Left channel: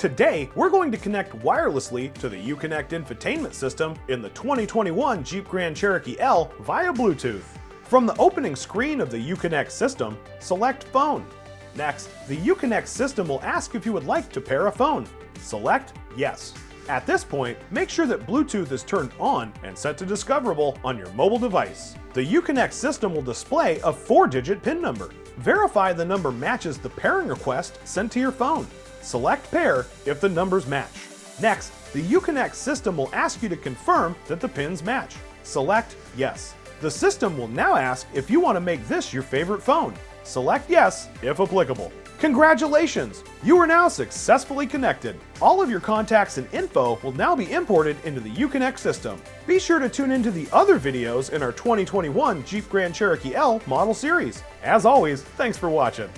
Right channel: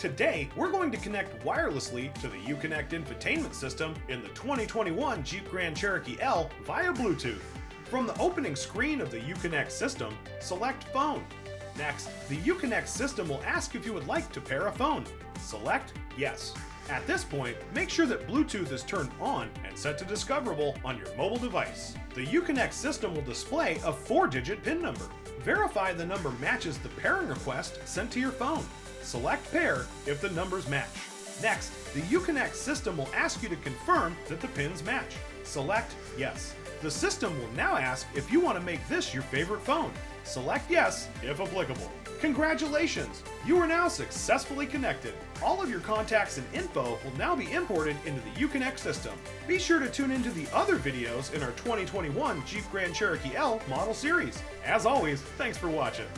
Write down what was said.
Today, we're going to connect wirelessly to the Uconnect infotainment system in the 2021 Jeep Grand Cherokee L via Bluetooth. From the opening screen of the Uconnect system, select Phone. Next, the Uconnect system will ask if you would like to pair a phone. Select Yes. At this point, make sure that Bluetooth is turned on and set to discoverable on your mobile device. The Uconnect system will display a 4-digit PIN number. Verify the number matches the pairing request sent to your phone. Select Pair if the numbers match. Next, the Uconnect system will ask you to confirm that the pins match. Select Yes. The system will now ask if you want to make this your favorite phone. Select Yes if applicable. Congratulations! You are now successfully connected. All of your contacts and info will now be imported into the Uconnect system. Be sure to tune into the other videos in our 2021 Jeep Grand Cherokee L model series. As always, thanks for watching.